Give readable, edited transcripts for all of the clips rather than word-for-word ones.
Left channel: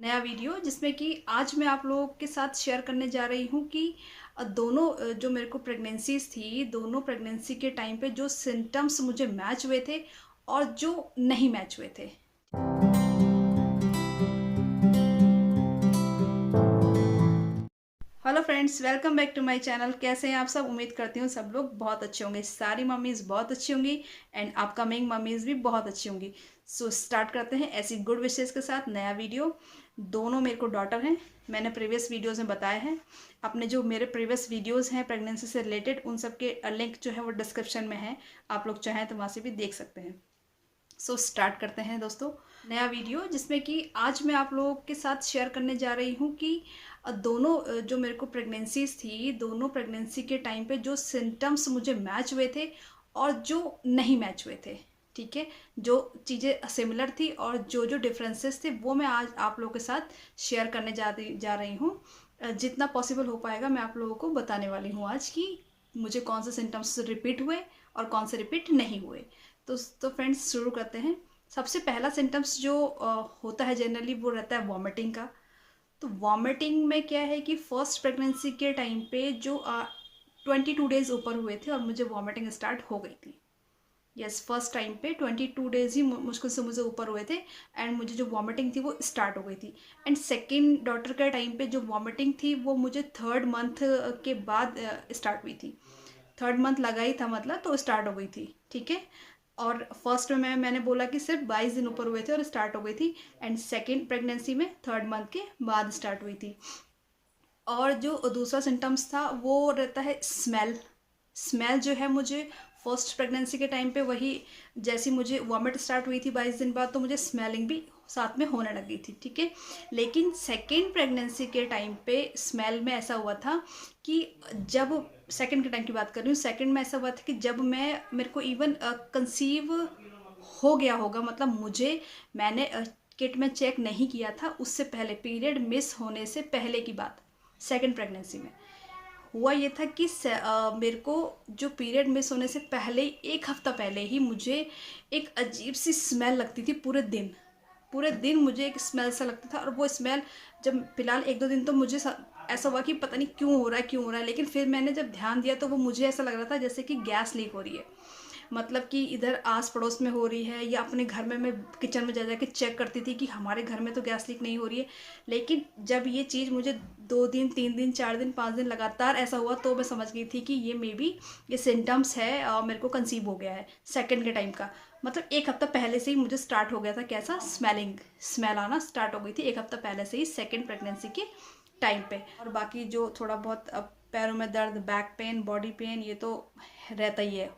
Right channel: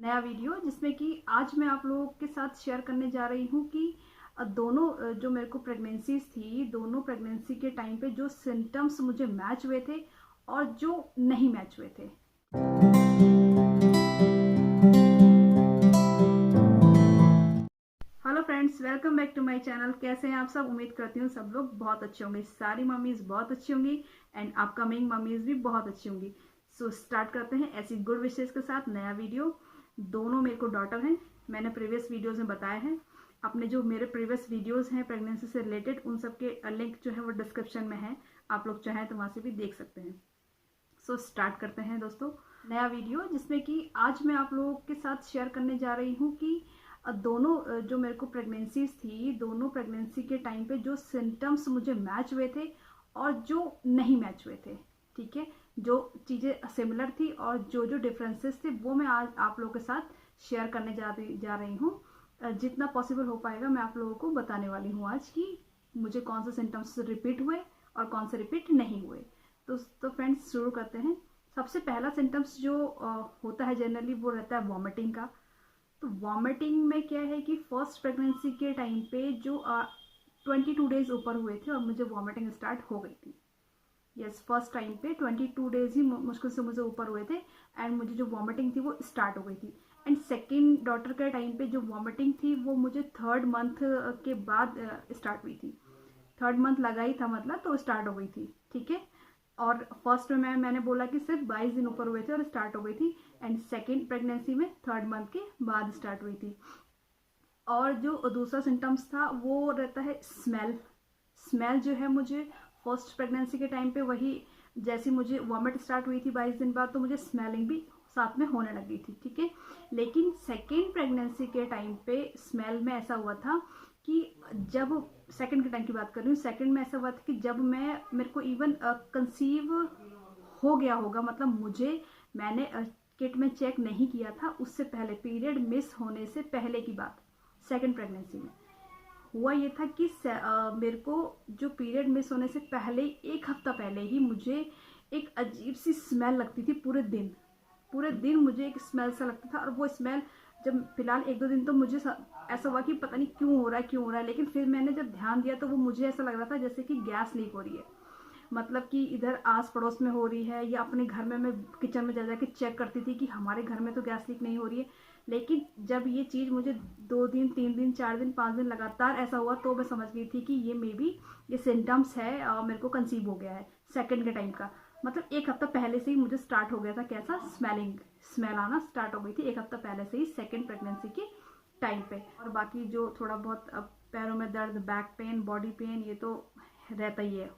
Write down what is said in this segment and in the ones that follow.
नया वीडियो जिसमें कि आज मैं आप लोगों के साथ शेयर करने जा रही हूँ कि दोनों जो मेरे को प्रेगनेंसीज थी, दोनों प्रेगनेंसी के टाइम पे जो सिम्टम्स मुझे मैच हुए थे और जो नहीं मैच हुए थे। Hello friends, welcome back to my channel. कैसे हैं आप सब? उम्मीद करती हूँ सब लोग बहुत अच्छे होंगे। सारी मम्मीज़ बहुत अच्छी होंगी एंड अपकमिंग मम्मीज़ भी बहुत अच्छी होंगी। सो स्टार्ट करते हैं ऐसी गुड विशेज़ के साथ नया वीडियो। दोनों मेरे को डॉटर हैं। मैंने प्रीवियस वीडियोज़ में बताया है। अपने जो मेरे प्रीवियस वीडियोज़ हैं प्रेगनेंसी से रिलेटेड, उन सब के लिंक जो है वो डिस्क्रिप्शन में है। आप लोग चाहें तो वहाँ से भी देख सकते हैं। सो स्टार्ट करते हैं दोस्तों नया वीडियो, जिसमें कि आज मैं आप लोगों के साथ शेयर करने जा रही हूँ कि दोनों जो मेरे को प्रेगनेंसीज थी, दोनों प्रेगनेंसी के टाइम पे जो सिम्टम्स मुझे मैच हुए थे और जो नहीं मैच हुए थे। ठीक है, जो चीज़ें सिमिलर थी और जो जो डिफरेंसेस थे वो मैं आज आप लोगों के साथ शेयर करने जा रही हूँ। जितना पॉसिबल हो पाएगा मैं आप लोगों को बताने वाली हूँ आज कि मुझे कौन से सिम्टम्स रिपीट हुए और कौन से रिपीट नहीं हुए। तो फ्रेंड्स शुरू करते हैं। सबसे पहला सिम्टम्स जो होता है जनरली वो रहता है वॉमिटिंग का। तो वॉमिटिंग में क्या है कि फर्स्ट प्रेगनेंसी के टाइम पे जो 22 डेज ऊपर हुए थे और मुझे वॉमिटिंग स्टार्ट हो गई थी। यस, फर्स्ट टाइम पे 22 डेज ही मुश्किल से मुझे ऊपर हुए थे एंड मुझे जो वॉमिटिंग थी वो स्टार्ट हो गई थी। एंड सेकेंड डॉटर के टाइम पे जो वॉमिटिंग थी वो मुझे थर्ड मंथ के बाद स्टार्ट हुई थी। थर्ड मंथ लगा ही था मतलब, तो स्टार्ट हो गई थी। ठीक है, और फर्स्ट में मैंने बोला कि सिर्फ 22 दिन ऊपर हुए थे और स्टार्ट हो गई थी। एंड सेकेंड प्रेगनेंसी में थर्ड मंथ के बाद स्टार्ट हुई थी। और जो दूसरा सिम्टम्स था वो रहता है स्मेल। स्मेल जो है मुझे फर्स्ट प्रेगनेंसी के टाइम पे वही, जैसी मुझे वॉमिट स्टार्ट हुई थी 22 दिन बाद, तो मुझे स्मेलिंग भी साथ में होने लगी थी। ठीक है, लेकिन सेकेंड प्रेगनेंसी के टाइम पे स्मेल में ऐसा हुआ था कि जब सेकेंड के टाइम की बात कर रही हूँ, सेकेंड में ऐसा हुआ था कि जब मेरे को इवन कंसीव हो गया होगा, मतलब मैंने किट में चेक नहीं किया था उससे पहले, पीरियड मिस होने से पहले की बात। सेकेंड प्रेगनेंसी में हुआ ये था कि मेरे को जो पीरियड मिस होने से पहले, एक हफ्ता पहले ही मुझे एक अजीब सी स्मेल लगती थी। पूरे दिन मुझे एक स्मेल सा लगता था। और वो स्मेल जब फिलहाल 1-2 दिन तो मुझे ऐसा हुआ कि पता नहीं क्यों हो रहा है, लेकिन फिर मैंने जब ध्यान दिया तो वो मुझे ऐसा लग रहा था जैसे कि गैस लीक हो रही है। मतलब कि इधर आस पड़ोस में हो रही है या अपने घर में मैं किचन में जा जा के चेक करती थी कि हमारे घर में तो गैस लीक नहीं हो रही है। लेकिन जब ये चीज़ मुझे 2 दिन, 3 दिन, 4 दिन, 5 दिन लगातार ऐसा हुआ तो मैं समझ गई थी कि ये मे बी ये सिम्टम्स है, मेरे को कंसीव हो गया है सेकेंड के टाइम का। मतलब एक हफ्ता पहले से ही मुझे स्टार्ट हो गया था, कैसा स्मेल आना स्टार्ट हो गई थी एक हफ्ता पहले से ही सेकेंड प्रेगनेंसी के टाइम पे। और बाकी जो थोड़ा बहुत अब पैरों में दर्द, बैक पेन, बॉडी पेन, ये तो रहता ही है।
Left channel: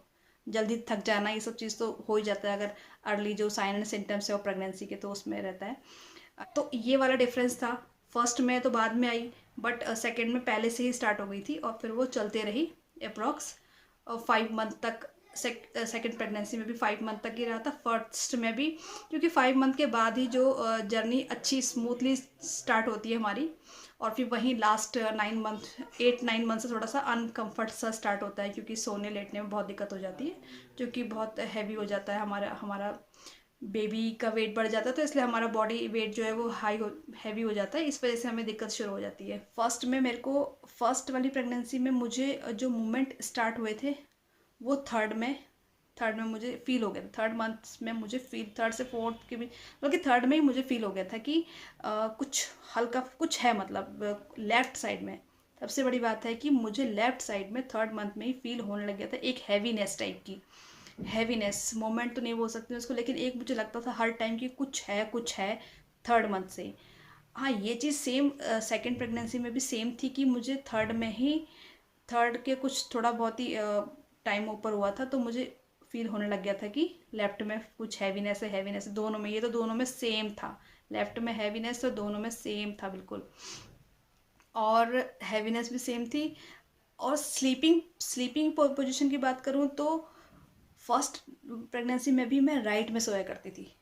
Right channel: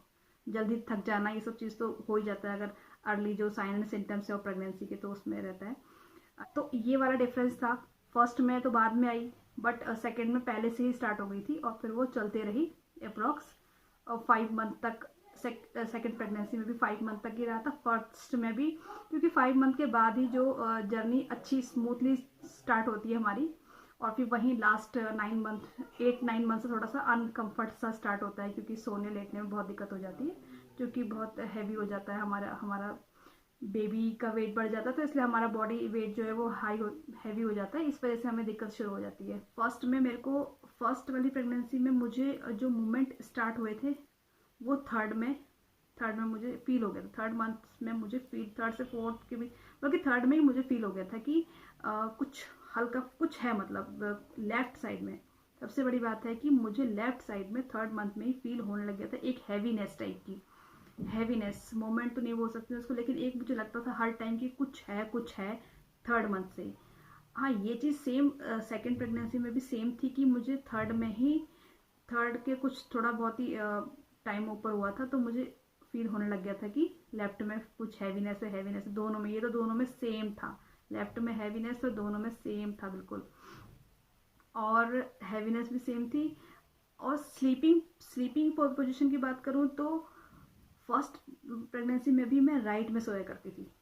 जल्दी थक जाना, ये सब चीज़ तो हो ही जाता है अगर अर्ली जो साइन एंड सिम्टम्स है वो प्रेगनेंसी के, तो उसमें रहता है। तो ये वाला डिफरेंस था। फर्स्ट में तो बाद में आई, बट सेकेंड में पहले से ही स्टार्ट हो गई थी और फिर वो चलते रही अप्रॉक्स 5 मंथ तक। सेकेंड प्रेगनेंसी में भी 5 मंथ तक ही रहा था, फर्स्ट में भी, क्योंकि 5 मंथ के बाद ही जो जर्नी अच्छी स्मूथली स्टार्ट होती है हमारी। और फिर वहीं लास्ट 9 मंथ, 8-9 मंथ से थोड़ा सा अनकम्फर्ट सा स्टार्ट होता है, क्योंकि सोने लेटने में बहुत दिक्कत हो जाती है, क्योंकि बहुत हैवी हो जाता है हमारा हमारा बेबी का वेट बढ़ जाता है, तो इसलिए हमारा बॉडी वेट जो है वो हैवी हो जाता है। इस वजह से हमें दिक्कत शुरू हो जाती है। फर्स्ट में मेरे को, फर्स्ट वाली प्रेगनेंसी में मुझे जो मूवमेंट स्टार्ट हुए थे वो थर्ड में मुझे फील हो गया था। थर्ड मंथ में मुझे फील, थर्ड से फोर्थ के भी, बल्कि थर्ड में ही मुझे फील हो गया था कि कुछ हल्का कुछ है, मतलब लेफ्ट साइड में। सबसे बड़ी बात है कि मुझे लेफ्ट साइड में थर्ड मंथ में ही फील होने लग गया था एक हैवीनेस टाइप की। हैवीनेस मोमेंट तो नहीं बोल सकती उसको, लेकिन एक मुझे लगता था हर टाइम कि कुछ है थर्ड मंथ से ही। हाँ, ये चीज़ सेम सेकेंड प्रेगनेंसी में भी सेम थी कि मुझे थर्ड के कुछ थोड़ा बहुत ही टाइम ऊपर हुआ था तो मुझे फील होने लग गया था कि लेफ्ट में कुछ हैवीनेस है दोनों में। ये तो दोनों में सेम था, लेफ्ट में हैवीनेस तो दोनों में सेम था बिल्कुल। और हैवीनेस भी सेम थी। और स्लीपिंग स्लीपिंग पोजीशन की बात करूँ तो फर्स्ट प्रेगनेंसी में भी मैं राइट में सोया करती थी,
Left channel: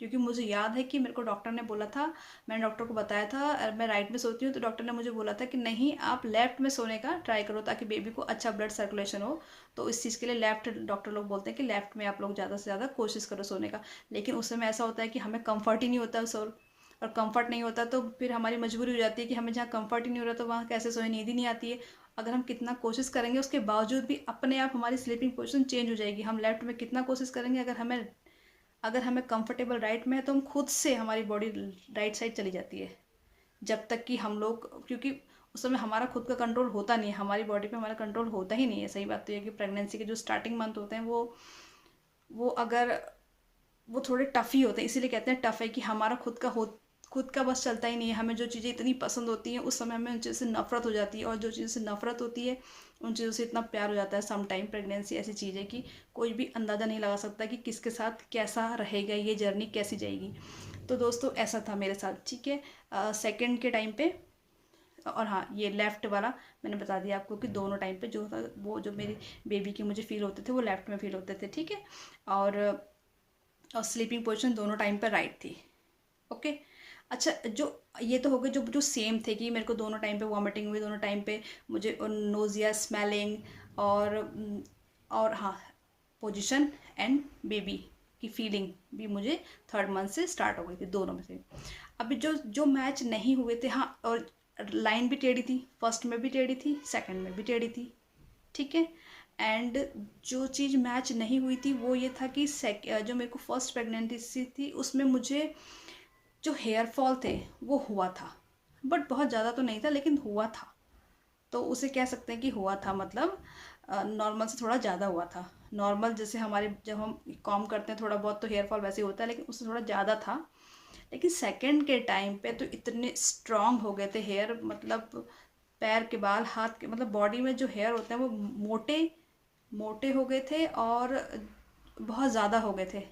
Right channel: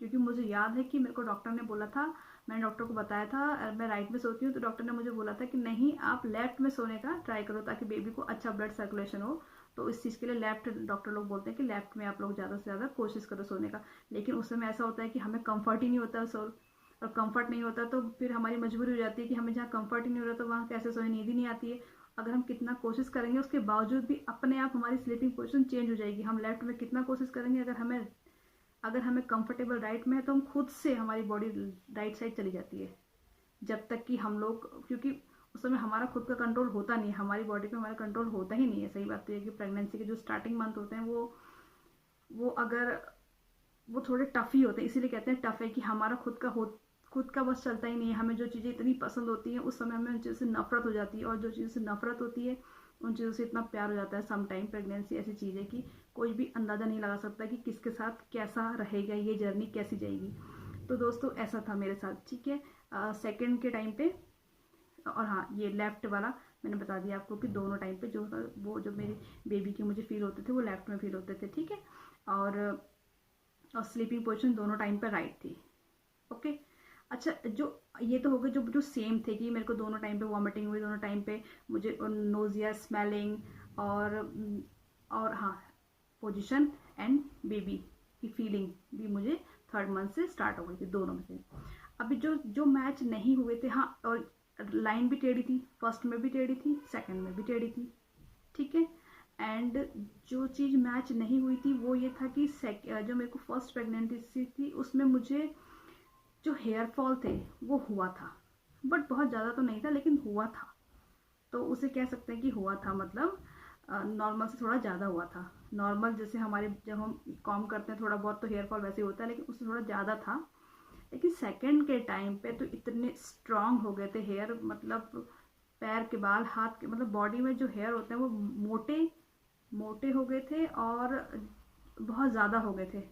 क्योंकि मुझे याद है कि मेरे को डॉक्टर ने बोला था, मैंने डॉक्टर को बताया था मैं राइट में सोती हूँ, तो डॉक्टर ने मुझे बोला था कि नहीं, आप लेफ्ट में सोने का ट्राई करो ताकि बेबी को अच्छा ब्लड सर्कुलेशन हो। तो इस चीज़ के लिए लेफ्ट, डॉक्टर लोग बोलते हैं कि लेफ्ट में आप लोग ज़्यादा से ज़्यादा कोशिश करो सोने का। लेकिन उस समय ऐसा होता है कि हमें कंफर्ट ही नहीं होता और कंफर्ट नहीं होता तो फिर हमारी मजबूरी हो जाती है कि हमें जहाँ कंफर्ट ही नहीं हो रहा तो वहाँ कैसे सोए, नींद ही नहीं आती है। अगर हम कितना कोशिश करेंगे उसके बावजूद भी अपने आप हमारी स्लीपिंग पोजीशन चेंज हो जाएगी। हम लेफ्ट में कितना कोशिश करेंगे, अगर हमें कंफर्टेबल राइट में है तो हम खुद से हमारी बॉडी राइट साइड चली जाती है। जब तक कि हम लोग, क्योंकि उस समय हमारा खुद का कंट्रोल होता नहीं है, हमारी बॉडी पे हमारा कंट्रोल होता ही नहीं है। सही बात तो ये कि प्रेगनेंसी के जो स्टार्टिंग मंथ होते हैं वो अगर वो थोड़े टफ़ ही होते हैं, इसीलिए कहते हैं टफ़ है कि हमारा खुद का बस चलता ही नहीं है। हमें जो चीज़ें इतनी पसंद होती हैं उस समय हमें उन चीज़ों से नफ़रत हो जाती है, और जो चीज़ों से नफ़रत होती है उन चीज़ों से इतना प्यार हो जाता है। सम टाइम प्रेगनेंसी ऐसी चीज़ है कि कोई भी अंदाज़ा नहीं लगा सकता कि किसके साथ कैसा रहेगा, ये जर्नी कैसी जाएगी। तो दोस्तों ऐसा था मेरे साथ, ठीक है। सेकंड के टाइम पे, और हाँ ये लेफ़्ट वाला मैंने बता दिया आपको कि दोनों टाइम पे जो था वो जो मेरी बेबी के मुझे फ़ील होते थे वो लेफ़्ट में फ़ील होते थे, ठीक है। और स्लीपिंग पोजीशन दोनों टाइम पर राइट थी। ओके। अच्छा, जो ये तो हो गए जो जो सेम थे कि मेरे को दोनों टाइम पे वॉमिटिंग हुई, दोनों टाइम पे मुझे नोज़िया, स्मेलिंग, और हाँ पोजीशन एंड बेबी की फीलिंग भी मुझे थर्ड मंथ से स्टार्ट हो गई थी, दोनों में से। अभी जो जो मैच नहीं हुए थे, हाँ, और लाइन भी टेढ़ी थी, फर्स्ट में भी टेढ़ी थी, सेकंड में भी टेढ़ी थी, ठीक है। एंड जो चीज़ मैच नहीं हुई थी वो ये था कि जो मेरे को फर्स्ट प्रेगनेंसी थी उसमें मुझे जो हेयर फॉल थे वो हुआ था, बट बहुत ज़्यादा तो नहीं था लेकिन हुआ था। तो उसे कह सकते हैं कि हुआ था, मतलब नॉर्मल से थोड़ा ज़्यादा हुआ था। नॉर्मल जैसे हमारे जब हम कॉम करते हैं थोड़ा बहुत तो हेयर फॉल वैसे ही होता है, लेकिन उससे थोड़ा ज़्यादा था। लेकिन सेकंड के टाइम पे तो इतने स्ट्रॉन्ग हो गए थे हेयर, मतलब पैर के बाल, हाथ के, मतलब बॉडी में जो हेयर होते हैं वो मोटे मोटे हो गए थे, और बहुत ज़्यादा हो गए थे,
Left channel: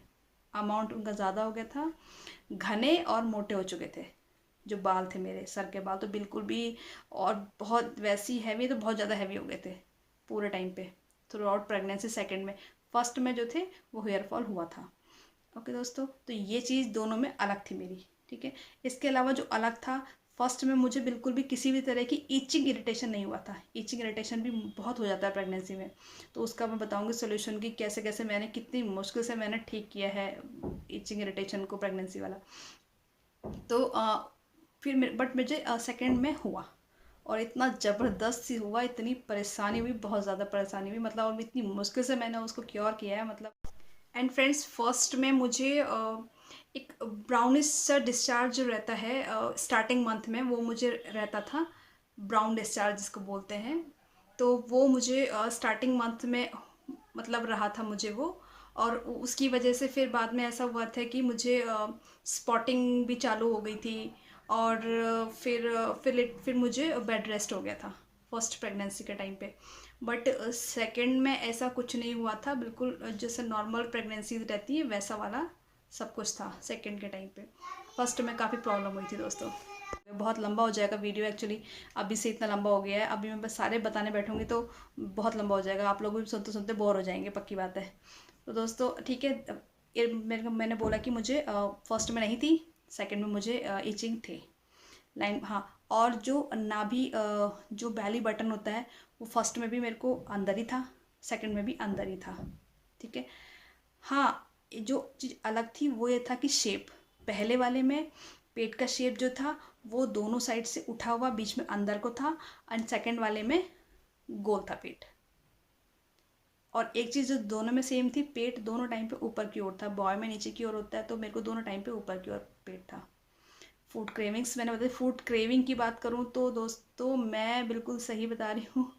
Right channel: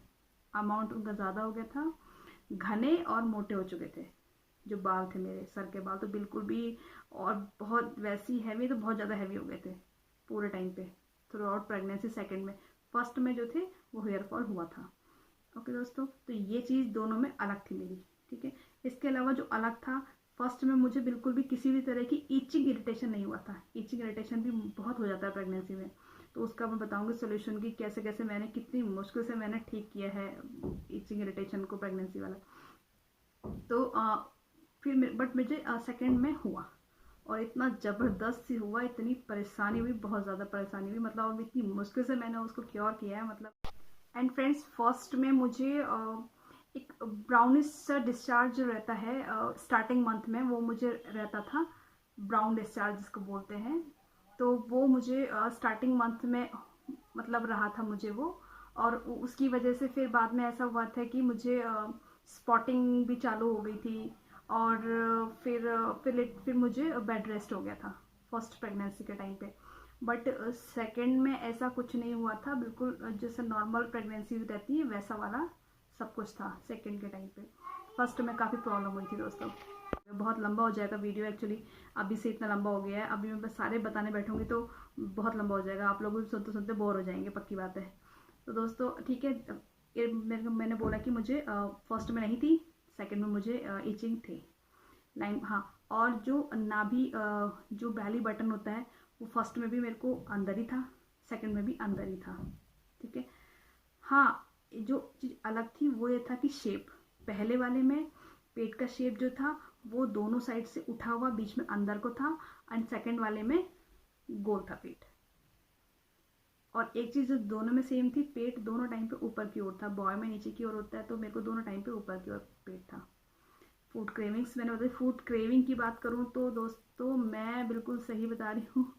अमाउंट उनका ज़्यादा हो गया था, घने और मोटे हो चुके थे। जो बाल थे मेरे सर के बाल तो बिल्कुल भी, और बहुत वैसी हैवी, तो बहुत ज़्यादा हैवी हो गए थे पूरे टाइम पे, थ्रू आउट प्रेगनेंसी। सेकेंड में, फर्स्ट में जो थे वो हेयर फॉल हुआ था। ओके दोस्तों, तो ये चीज़ दोनों में अलग थी मेरी, ठीक है। इसके अलावा जो अलग था, फर्स्ट में मुझे बिल्कुल भी किसी भी तरह की ईचिंग इरिटेशन नहीं हुआ था। ईचिंग इरिटेशन भी बहुत हो जाता है प्रेगनेंसी में, तो उसका मैं बताऊंगी सोल्यूशन की कैसे कैसे मैंने, कितनी मुश्किल से मैंने ठीक किया है ईचिंग इरिटेशन को, प्रेगनेंसी वाला। तो फिर बट मुझे सेकंड में हुआ, और इतना ज़बरदस्त सी हुआ, इतनी परेशानी हुई, बहुत ज़्यादा परेशानी हुई, मतलब और इतनी मुश्किल से मैंने उसको क्योर किया है, मतलब। एंड फ्रेंड्स, फर्स्ट में मुझे एक ब्राउनिश सा डिस्चार्ज जो रहता है स्टार्टिंग मंथ में, वो मुझे रहता था, ब्राउन डिस्चार्ज जिसको बोलते हैं। तो वो मुझे स्टार्टिंग मंथ में मतलब रहा था मुझे वो, और उसकी वजह से फिर बाद में ऐसा हुआ था कि मुझे स्पॉटिंग भी चालू हो गई थी, और फिर मुझे बेड रेस्ट हो गया था फर्स्ट प्रेगनेंसी के टाइम पे। बट सेकंड में ऐसा कुछ नहीं हुआ था, बिल्कुल जैसे नॉर्मल प्रेगनेंसी रहती है वैसा वाला सब कुछ था सेकंड के टाइम पे। फर्स्ट में काफ़ी प्रॉब्लम हुई थी दोस्तों। बहुत लंबा हो जाएगा वीडियो एक्चुअली, अभी से इतना लंबा हो गया है, अभी मैं बस सारे बताने बैठूंगी तो बहुत लंबा हो जाएगा, आप लोग भी सुनते सुनते बोर हो जाएंगे, पक्की बात है। तो दोस्तों ठीक है, मैंने बोला कि मुझे फर्स्ट में नहीं थी, सेकंड में मुझे ईचिंग थी, लाइन, हाँ। और जो नाभि जो बैली बटन होता है वो फर्स्ट में भी मेरे को अंदर ही था, सेकंड में भी अंदर ही था, ठीक है। हाँ, जो चीज़ अलग थी वो ये था कि शेप, पहले वाले में पेट का शेप जो था वो दोनों साइड से उठा हुआ बीच में अंदर को था, एंड सेकंड वाले में गोल था पेट। और एक चीज़ जो दोनों में सेम थी, पेट दोनों टाइम पे ऊपर की ओर था, बॉय में नीचे की ओर होता है, तो मेरे को दोनों टाइम पे ऊपर की ओर पेट था। फूड क्रेविंग्स, मैंने बताया, फूड क्रेविंग की बात करूँ तो दोस्तों मैं बिल्कुल सही बता रही हूँ,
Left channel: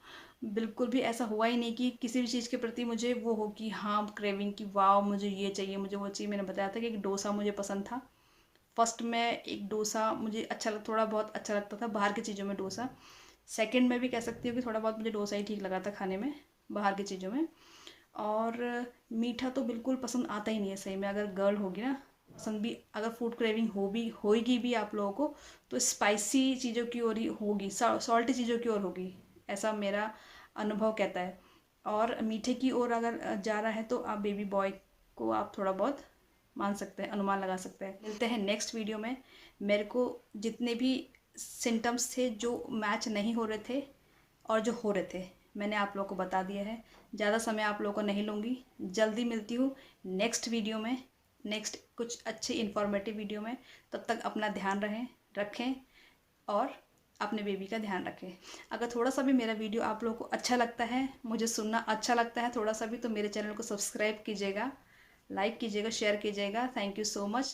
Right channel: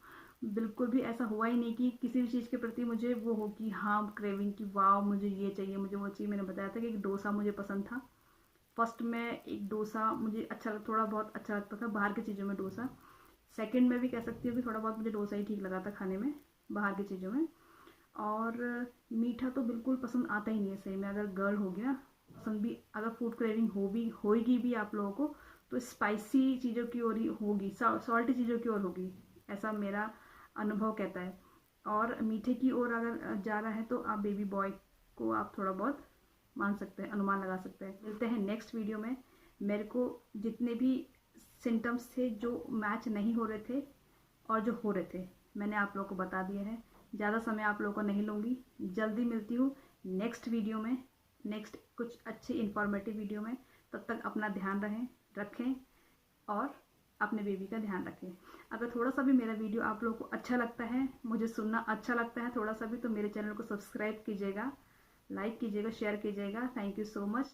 बिल्कुल भी ऐसा हुआ ही नहीं कि किसी भी चीज़ के प्रति मुझे वो हो कि हाँ क्रेविंग की, वाह मुझे ये चाहिए, मुझे वो चाहिए। मैंने बताया था कि एक डोसा मुझे पसंद था, फर्स्ट में एक डोसा मुझे अच्छा थोड़ा बहुत अच्छा लगता था बाहर की चीज़ों में डोसा। सेकंड में भी कह सकती हूँ कि थोड़ा बहुत मुझे डोसा ही ठीक लगा था खाने में बाहर की चीज़ों में। और मीठा तो बिल्कुल पसंद आता ही नहीं है सही में, अगर गर्ल होगी ना, पसंद भी, अगर फूड क्रेविंग होगी भी आप लोगों को तो स्पाइसी चीज़ों की ओर ही होगी, सॉल्टी चीज़ों की ओर होगी, ऐसा मेरा अनुभव कहता है। और मीठे की ओर अगर जा रहा है तो आप बेबी बॉय को आप थोड़ा बहुत मान सकते हैं, अनुमान लगा सकते हैं। मिलते हैं नेक्स्ट वीडियो में। मेरे को जितने भी सिम्टम्स थे जो मैच नहीं हो रहे थे और जो हो रहे थे मैंने आप लोगों को बता दिया है। ज़्यादा समय आप लोगों को नहीं लूँगी, जल्दी मिलती हूँ नेक्स्ट वीडियो में नेक्स्ट कुछ अच्छी इन्फॉर्मेटिव वीडियो में। तब तक अपना ध्यान रखें और अपने बेबी का ध्यान रखें। अगर थोड़ा सा भी मेरा वीडियो आप लोगों को अच्छा लगता है, मुझे सुनना अच्छा लगता है थोड़ा सा भी, तो मेरे चैनल को सब्सक्राइब कीजिएगा, लाइक कीजिएगा, शेयर कीजिएगा। Thank you so much.